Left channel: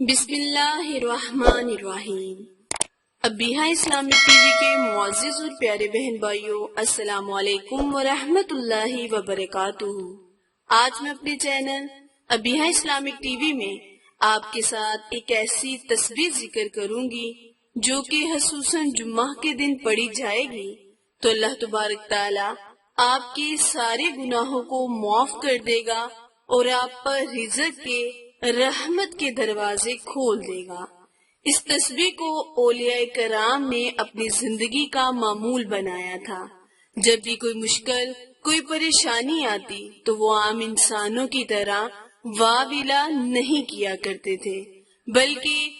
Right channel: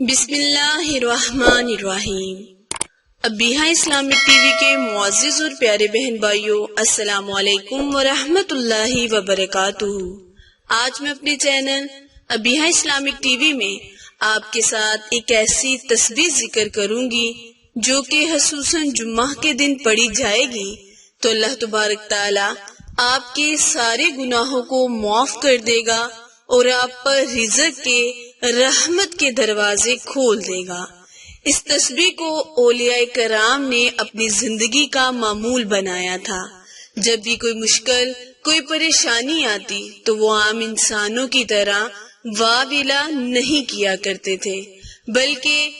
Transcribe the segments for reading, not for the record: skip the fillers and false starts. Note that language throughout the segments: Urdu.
بسم اللہ الرحمن الرحیم۔ ابیہا اسلامک ٹی وی کے معزز اور پیارے بہن بھائیوں، السلام علیکم ورحمۃ اللہ وبرکاتہ۔ آج میں اپنے channel Abiha Islamic T V میں آپ کے ساتھ ایک ایسی تسبیح ذکر کروں گی جو کہ خصوصاً جمعہ کے دن پڑھی جائے گی تو اللہ تبارک تعالی آپ کے سارے گناہوں کو معاف کر دے گا اور آپ پر رزق کے رحمت کے دروازے کھول دے گا۔ اس تسبیح کو اولیاء کرام نے اپنی زندگی کا معمول بنایا تھا۔ جب بھی کوئی مشکل، کوئی پریشانی آتی تو وہ عام انسانوں کی طرح واویلا نہیں کیا کرتے تھے، بلکہ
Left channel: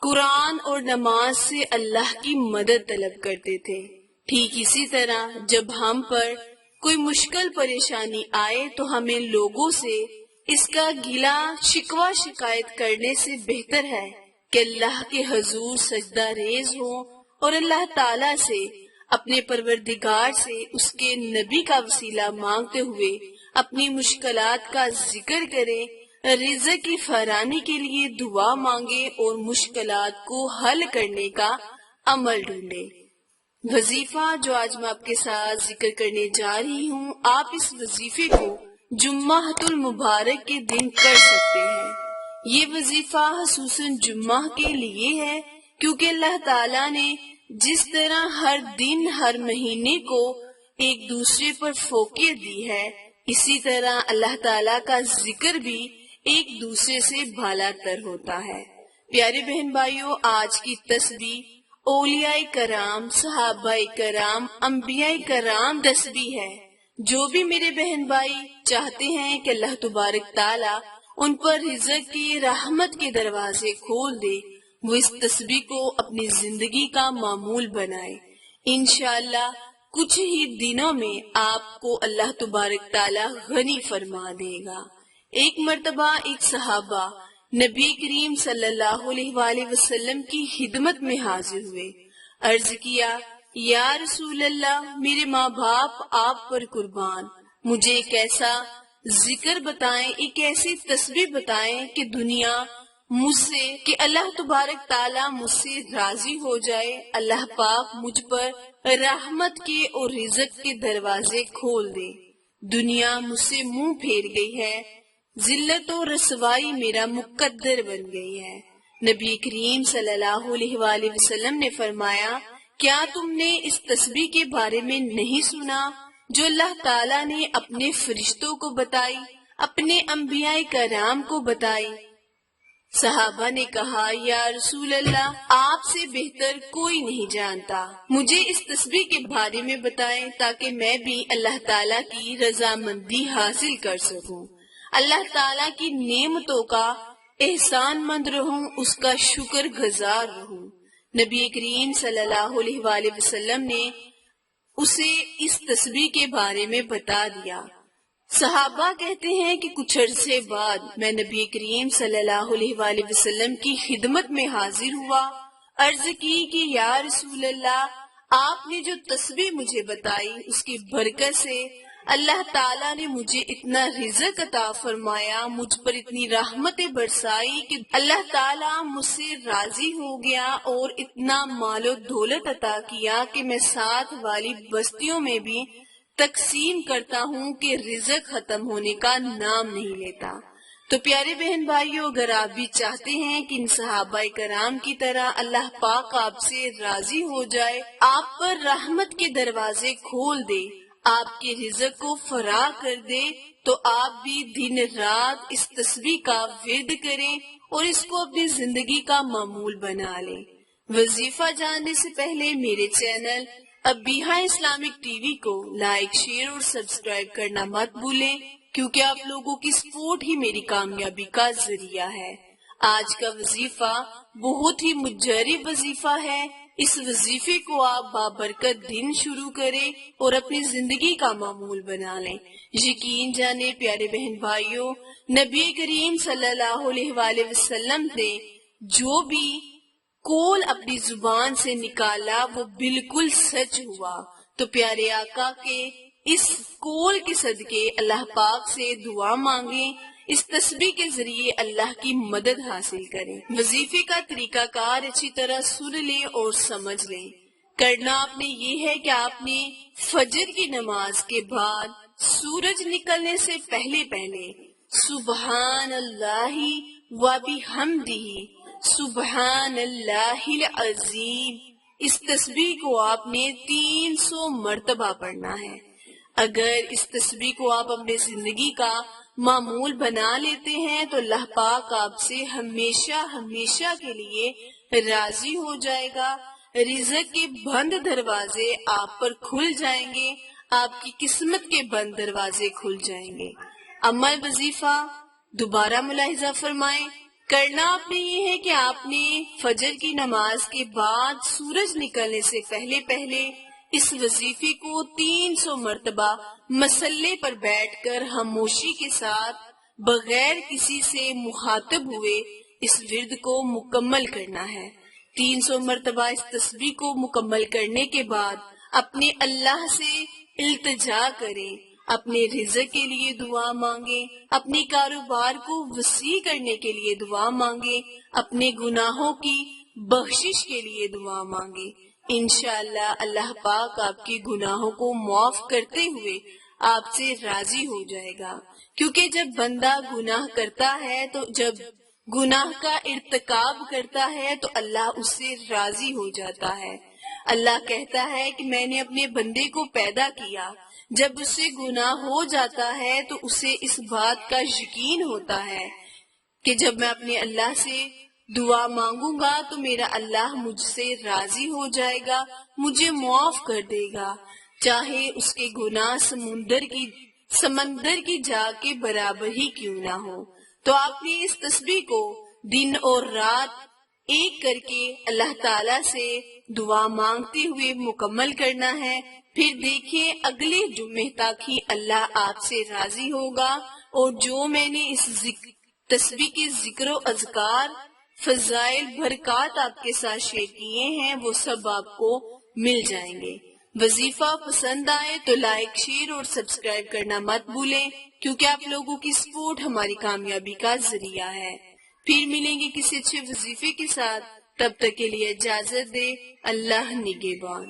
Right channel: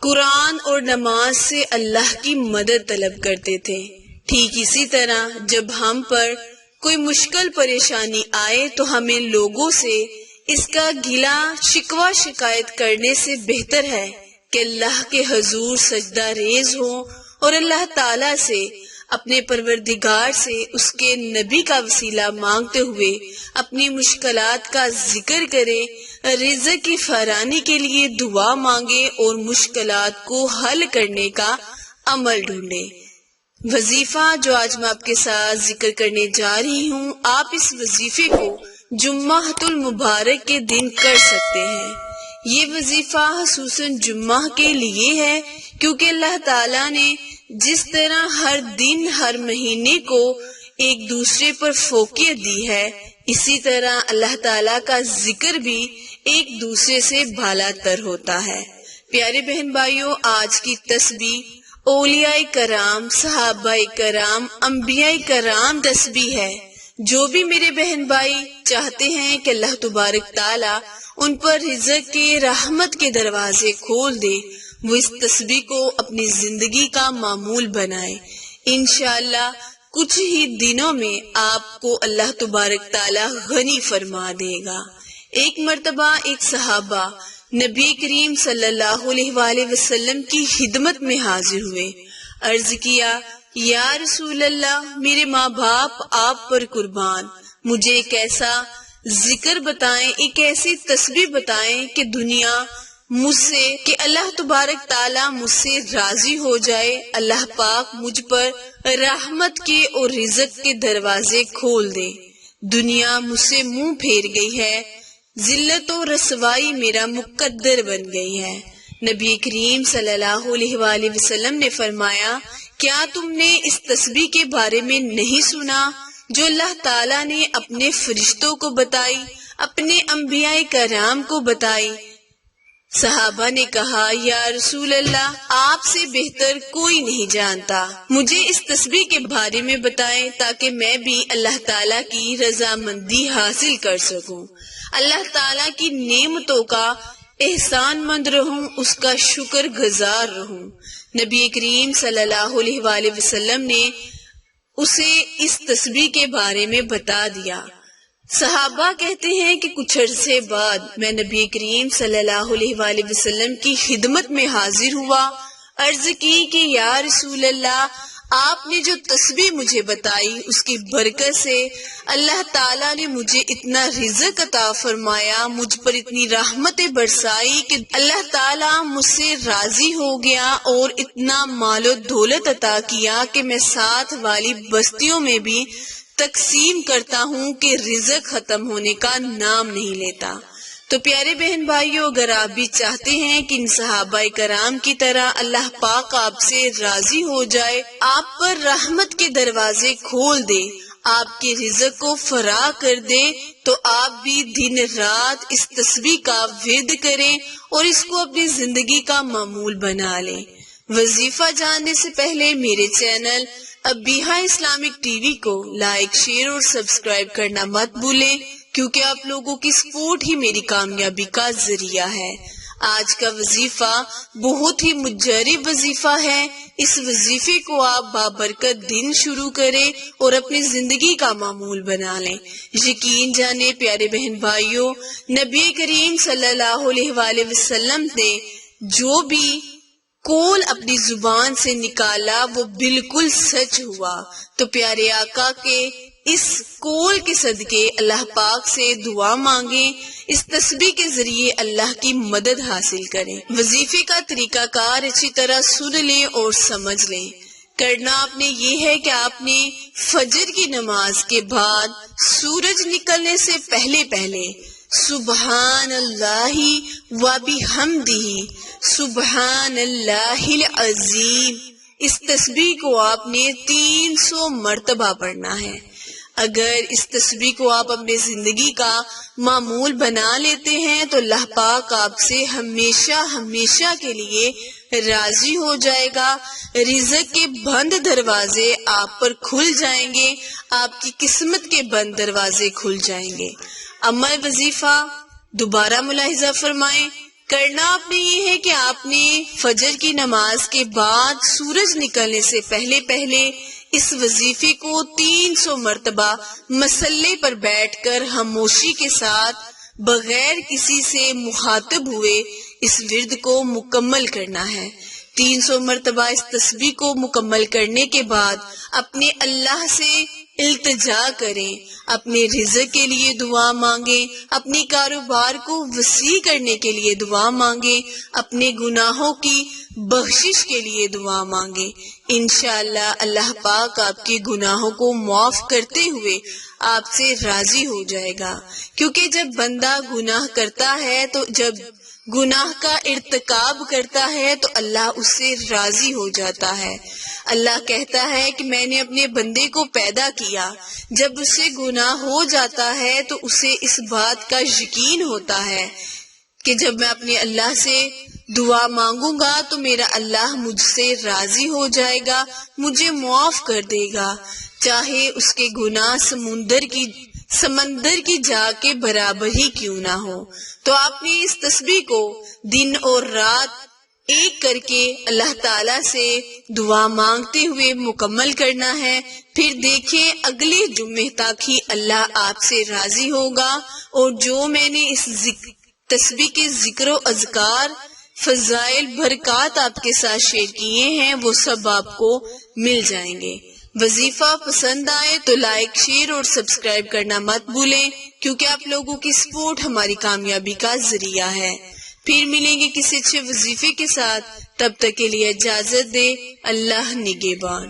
قرآن اور نماز سے اللہ کی مدد طلب کرتے تھے۔ ٹھیک اسی طرح جب ہم پر کوئی مشکل پریشانی آئے تو ہمیں لوگوں سے اس کا گلا شکوہ شکایت کرنے سے بہتر ہے کہ اللہ کے حضور سجدہ ریز ہوں اور اللہ تعالیٰ سے، اپنے پروردگار سے اس کے نبی کا وسیلہ مانگتے ہوئے اپنی مشکلات کا ذکر کریں، رزق کی فراوانی کے لیے دعا مانگے اور مشکلات کو حل کرنے کا عمل ڈھونڈے۔ وظیفہ جو آج میں آپ کے ساتھ ذکر کرنے جا رہی ہوں، آپ اس وظیفے کو جمعہ المبارک کے دن کر سکتے ہیں۔ یہ وظیفہ خصوصاً جمعہ کے لیے ہے کیونکہ اللہ تعالیٰ نے جس طرح ہر دن ہر مہینے کو ایک دوسرے پر فوقیت دی ہے، اسی طرح اللہ تعالیٰ کا ذکر بھی ایک دوسرے سے بالا تر ہوتا ہے۔ پیارے بہن بھائیوں، آج کی تسبیح اولیاء کرام، صحابہ کرام، انبیاء کرام تسبیح ہے۔ جو بھی میرے بہن بھائی چاہتے ہیں کہ اللہ تبارک تعالیٰ ان پر رزق کے رحمت کے دروازے کھول دے، وہ اس تسبیح کو اپنی زندگی کا معمول بنائے۔ انشاءاللہ کچھ ہی دنوں میں آپ کو اللہ تبارک تعالیٰ غنی فرما دے گا۔ ایک مرتبہ ایک صحابہ نبی کریم صلی اللہ علیہ وآلہ وسلم کی خدمت میں حاضر ہوئے۔ عرض کیا، یا رسول اللہ، میرے ماں باپ آپ پر قربان، مجھے ایک ایسا ذکر بتائیں، ایک ایسی تسبیح بتائیں کہ دنیا مجھ سے، کہ اللہ تبارک تعالیٰ مجھ سے راضی ہو جائے، اللہ پاک مجھ پر رحمت کے اور رزق کے دروازے کھول دے۔ دنیا مجھ سے منہ پھیر گئی ہے، ذلت و رسوائی میرا مقدر بن گئی ہے۔ نبی کریم صلی اللہ علیہ وآلہ وسلم نے فرمایا، کیا تم نے اس تسبیح کے بارے میں نہیں سنا جو اللہ تعالیٰ نے اپنے فرشتوں کو بتائی، اپنے انبیاء کرام کو بتائی؟ صحابہ نے کہا، یا رسول اللہ، آپ سے بہتر کوئی نہیں جانتا، مجھے اس تسبیح کے بارے میں بتائیں تاکہ میں بھی اللہ تعالیٰ کی رضامندی حاصل کر سکوں، اللہ تعالیٰ کی نعمتوں کا احسان مند رہوں، اس کا شکر گزار رہوں۔ نبی کریم صلی اللہ علیہ وآلہ وسلم نے اسے اس تسبیح کے بارے میں بتا دیا۔ صحابہ کہتے ہیں کہ کچھ عرصے بعد میں نبی کریم صلی اللہ علیہ وآلہ وسلم کی خدمت میں حاضر ہوا۔ عرض کی کہ یا رسول اللہ، آپ نے جو تسبیح مجھے بتائی اس کی برکت سے اللہ تعالیٰ نے مجھے اتنا رزق عطا فرمایا، مجھ پر اتنی رحمتیں برسائی کہ اللہ تعالیٰ مجھ سے راضی ہو گیا اور اتنا مال و دولت عطا کیا کہ میں ساتھ والی بستیوں میں بھی تقسیم کرتا ہوں کہ رزق ختم ہونے کا نام نہیں لیتا۔ تو پیارے بہن بھائیوں، اگر آپ بھی چاہتے ہیں کہ ان صحابہ کرام کی طرح اللہ پاک آپ سے راضی ہو جائے، آپ پر رحمت کے دروازے کھول دے، آپ کے رزق کو فراہ کر دے، تو آپ بھی دن رات اس تسبیح کا ورد کریں اور اس کو اپنی زندگی کا معمول بنا لیں۔ وظیفہ جاننے سے پہلے میرے channel Abiha Islamic T V کو لائک، شیئر اور سبسکرائب کرنا مت بھولیں، کیونکہ آپ لوگوں کی سپورٹ ہی میری کامیابی کا ذریعہ ہے۔ آج کا وظیفہ بہت ہی مجرب وظیفہ ہے۔ اس وظیفے کو آپ بابرکت دن شروع کریں اور اپنی زندگی کا معمول بنا لیں۔ یقین جانے پیارے بہن بھائیوں، نبی کریم صلی اللہ علیہ وآلہ وسلم نے جو بھی قول اپنی زبان سے نکالا وہ بالکل سچ ہوا۔ تو پیارے آقا کے اس قول کے صدقے اللہ پاک سے دعا مانگیں، اس تسبیح کے ذریعے اللہ کی مدد حاصل کریں۔ وظیفے کا طریقہ کار اچھی طرح سن لیں اور سمجھ لیں۔ کرنا آپ نے یہ ہے کہ آپ نے فجر کی نماز کے بعد سورج نکلنے سے پہلے سبحان اللہ و بحمدہ سبحان اللہ العظیم، اس تسبیح کو آپ نے 300 مرتبہ پڑھنا ہے۔ اگر اس تسبیح کو آپ اپنے زندگی کا معمول بنا لیتے ہیں تو اللہ پاک آپ سے ہمیشہ کے لیے راضی ہو جائے گا۔ رزق کے بند دروازے آپ پر کھل جائیں گے، آپ کی قسمت کے بند دروازے کھل جائیں گے۔ عمل وظیفہ دوبارہ ملاحظہ فرمائیں۔ کرنا آپ نے یہ ہے کہ آپ نے فجر کی نماز کے بعد سورج نکلنے سے پہلے اس وظیفے کو 300 مرتبہ مصلے پر بیٹھ کر خاموشی کے ساتھ بغیر کسی سے مخاطب ہوئے اس ورد کو مکمل کرنا ہے۔ 300 مرتبہ اس تسبیح کو مکمل کرنے کے بعد اپنے اللہ سے التجا کریں، اپنے رزق کے لیے دعا مانگیں، اپنی کاروبار کو وسیع کرنے کے لیے دعا مانگیں، اپنے گناہوں کی بخشش کے لیے دعا مانگیں۔ انشاءاللہ اللہ پاک آپ کے گناہوں کو معاف کرتے ہوئے آپ سے راضی ہو جائے گا، کیونکہ جب بندہ گناہ کرتا ہے تو جب گناہ کا ارتکاب کرتا ہے تو اللہ اس سے راضی ہو جاتا ہے۔ اللہ کہتا ہے کہ میں نے اپنے بندے کو پیدا کیا، جب اسے گناہ ہو جاتا ہے تو اسے اس بات کا یقین ہوتا ہے کہ جب میں اپنے اللہ سے دعا مانگوں گا تو میرا اللہ مجھ سے راضی ہو جائے گا، مجھے معاف کر دے گا، چاہے اس کے گناہ سمندر کی جا کے برابر ہی کیوں نہ ہو۔ تو آپ نے اس تسبیح کو دن اور رات ایک کر کے اللہ تعالیٰ سے دعا مانگتے ہوئے مکمل کرنا ہے۔ پھر دیکھیں اگلے جمعے تک ہی اللہ آپ سے راضی ہوگا، اور جو میں نے اس تسبیح کے ذکر و اذکار، فضائل، برکات آپ کے ساتھ شیئر کیے ہیں وہ سب آپ کو مل جائیں گے۔ وظیفہ پسند آئے تو لائک، شیئر اور سبسکرائب کرنا مت بھولیں، کیونکہ آپ لوگوں کی سپورٹ ہماری کامیابی کا ذریعہ ہے۔ پھر ملیں گے کسی اچھے وظیفے کے ساتھ، تب تک کے لیے اجازت دے۔ اللہ نگہبان۔